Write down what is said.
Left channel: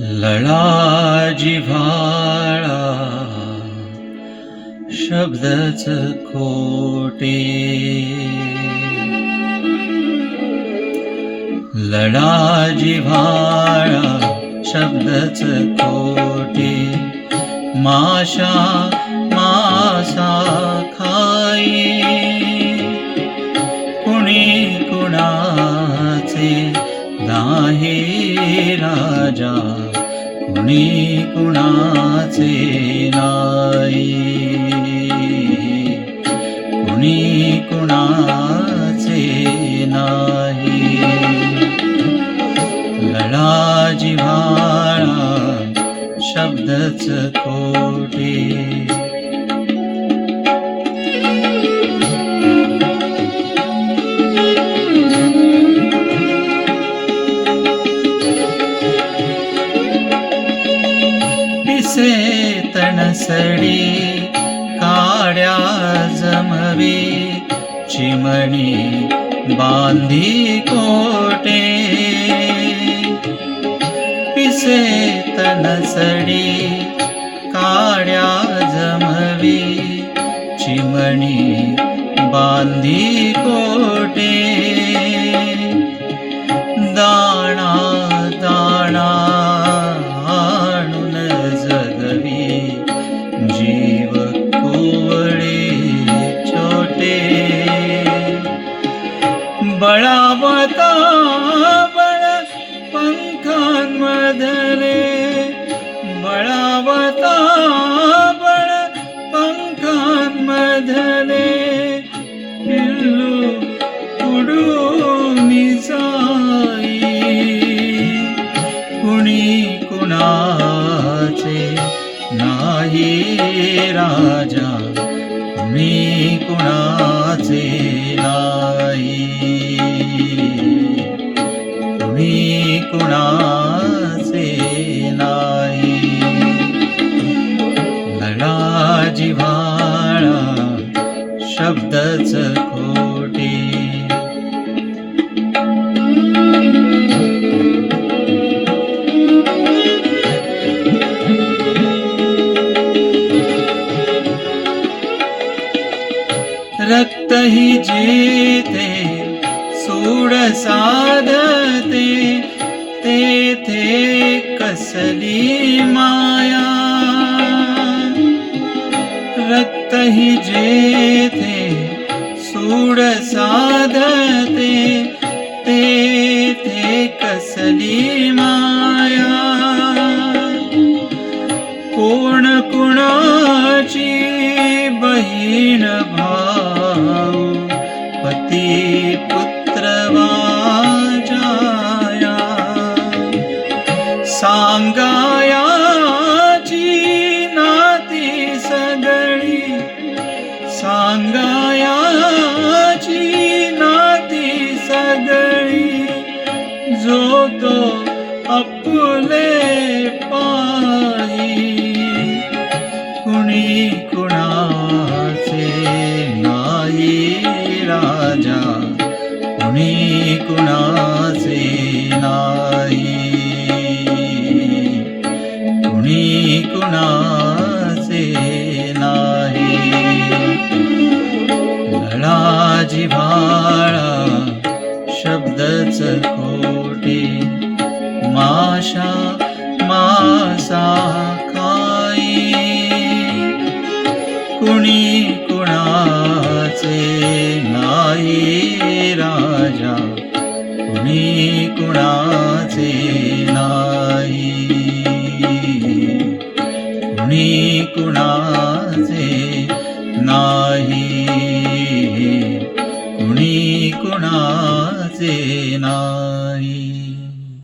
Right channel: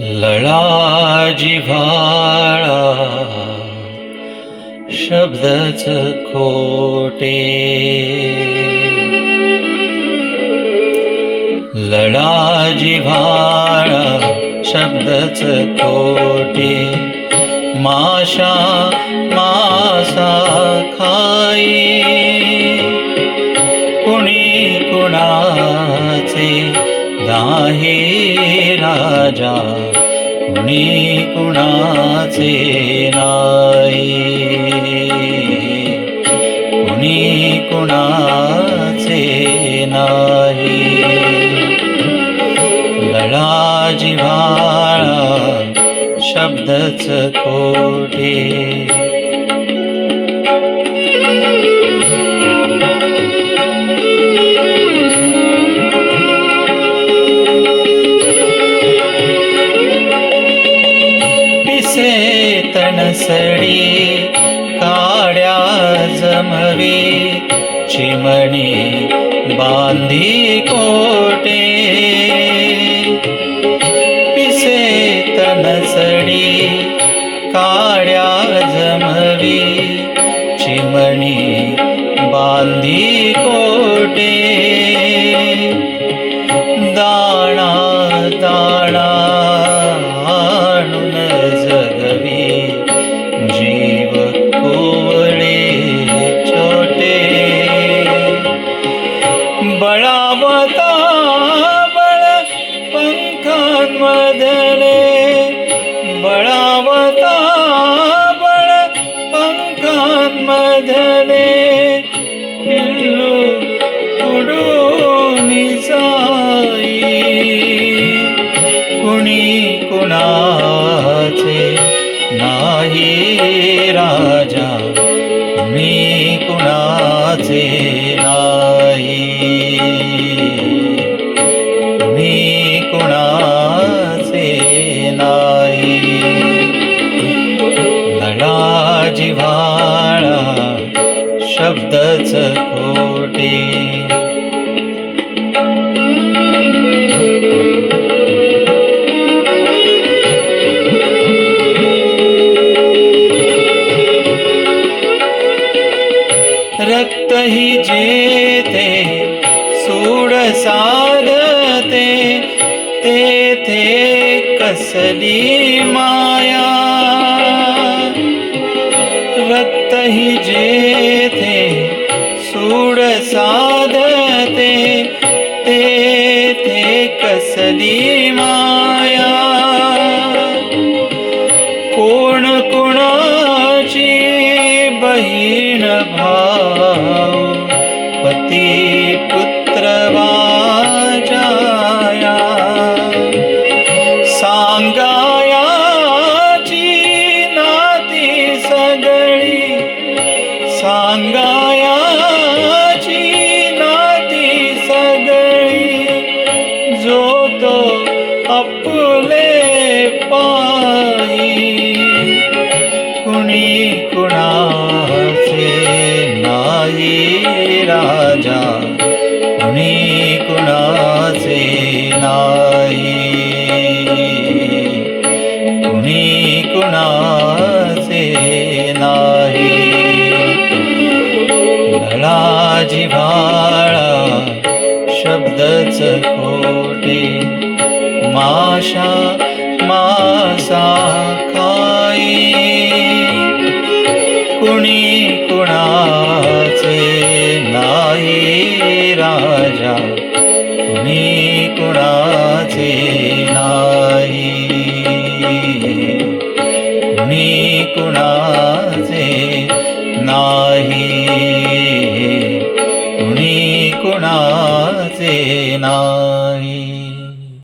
लळा जिव्हाळा शब्दच खोटे. लळा जिव्हाळा शब्दच खोटे. माशा मासा खाई कुणी कुणाचे नाही राजा कुणी कुणाचे नाही. कुणी कुणाचे नाही. लढा जिव्हाळा शब्दच खोटे. काड्या जमवी चिमणी बांधी कोटे। पिसे तणसडी काड्या जमवी चिमणी बांधी कोटे बळावता बळ पंखांमधले. बळावता बळ पंखांमधले. पिल्लू उडून जाई. कुणी कुणाचे नाही राजा. मी कुणाचे ना कुणाचे नाही. लढा जिव्हाळा शब्दच खोटे. रक्त ही जेते सूड साधते. कसली माया। रक्त हि जे थे सूड साधते ते थे कसली माया। सांगायाची नाती सगळी जो तो आपले पाही कुणी कुणाचे नाही राजा कुणी कुणाचे नाही. कुणी कुणा लढा जिव्हाळा शब्दच खोटे माशा मासा खाई. कुणी कुणाचे नाही राजा कुणी कुणाचे नाही. कुणी कुणाचे नाही कुणाचे नाही.